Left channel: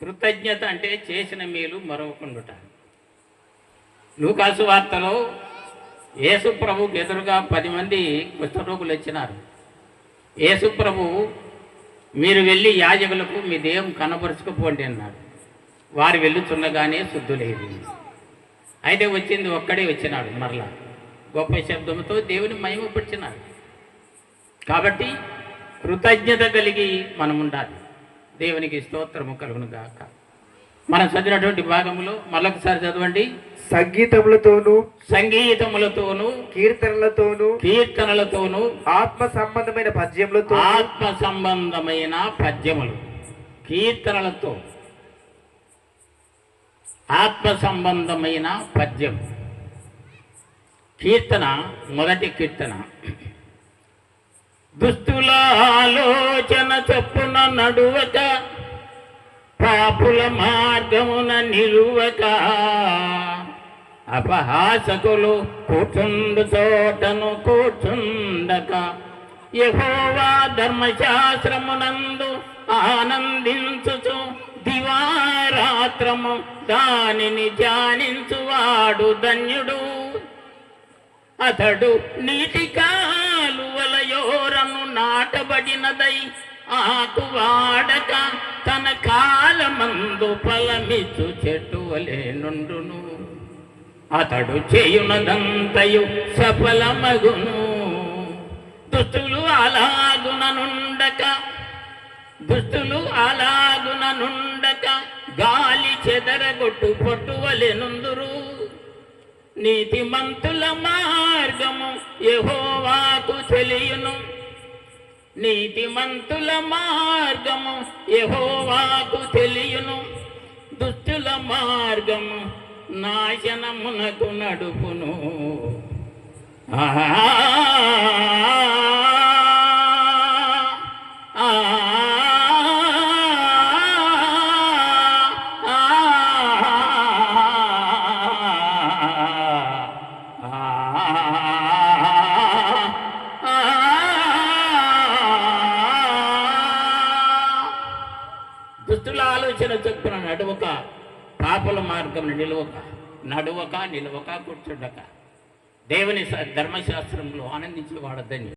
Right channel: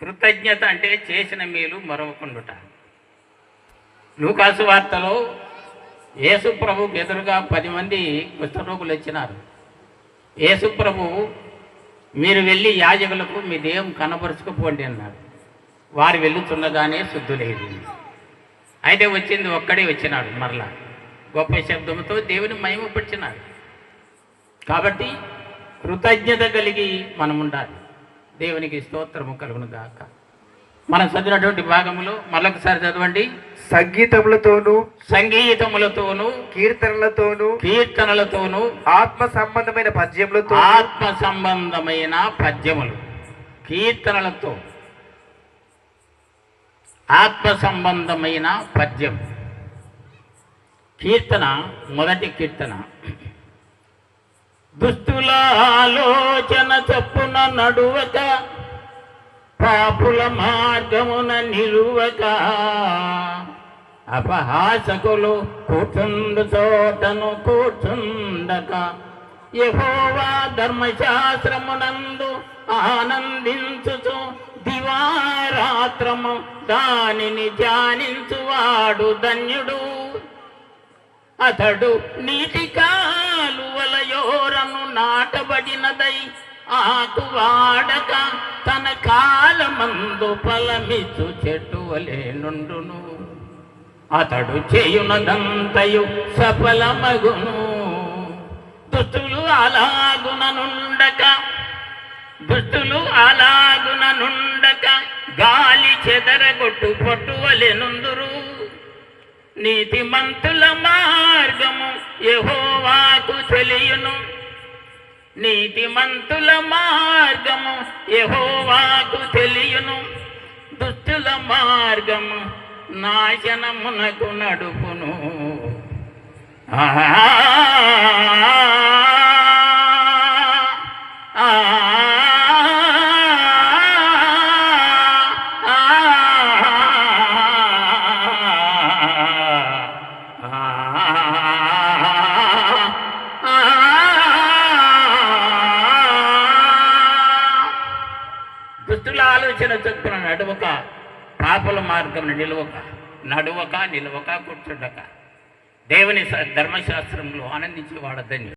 కృతజ్ఞత అంటే చేసిన మేలు మరవకుండుట. లూకాసు వార్తలో యేసు ప్రభుకు ఎదురుగా 10 మంది కుష్ఠరోగులు వచ్చినారు. యేసు ప్రభు, మీరు వెళ్ళి యాజకులకు మీ దేహం కనపరుచుకుపోండి అన్నారు. వారు వెళ్ళుచున్నగానే శుద్ధులేదు. అయితే వచ్చింది ఒక్కడే వచ్చినాడు. మరలా గొప్ప శబ్దంతో దేవుని మహిమపరిచినాడు. కాబట్టి కృతజ్ఞత కలిగి మనం ఉండాలి. దేవునికి స్తోత్రము కలుగును గాక. మనం చదివినటువంటి భాగంలో మరొకసారి చదవండి. సంగీతములతోనూ కీర్తనలతోనూ ఆత్మ సంబంధమైన పద్యములు, కీర్తనలతో ఆత్మ సంబంధమైన పద్యం. కీర్తన, మొదటి కీర్తన. దుస్తుల ఆలోచన చొప్పున నడువక, పాపుల మార్గమున నిలువక, అపహాసకులు కూర్చుండు చోటను కూర్చుండక, యెహోవా ధర్మశాస్త్రమునందు ఆనందించుచు దివారాత్రము దానిని ధ్యానించువాడు ధన్యుడు. అతడు నీటి కాలువలయోరను నాటబడినదై ఆకు వాడక తన కాలమందు ఫలమిచ్చు చెట్టు వలె నుండును. అతడు చేయునదంతయు సఫలమగును. దుష్టులు అలాగున నుండక గాలి చెదరగొట్టు పొట్టు వలె నుందురు. నీతిమంతుల మార్గము యెహోవాకు తెలియును. దుష్టుల మార్గము నాశనమునకు నడుపును. దుష్టుల ఆలోచన చొప్పున నడువక, పాపుల మార్గం నడువక కూర్చుండక దేవుని ధర్మశాస్త్రంలో ఆనందించి వాడద్దని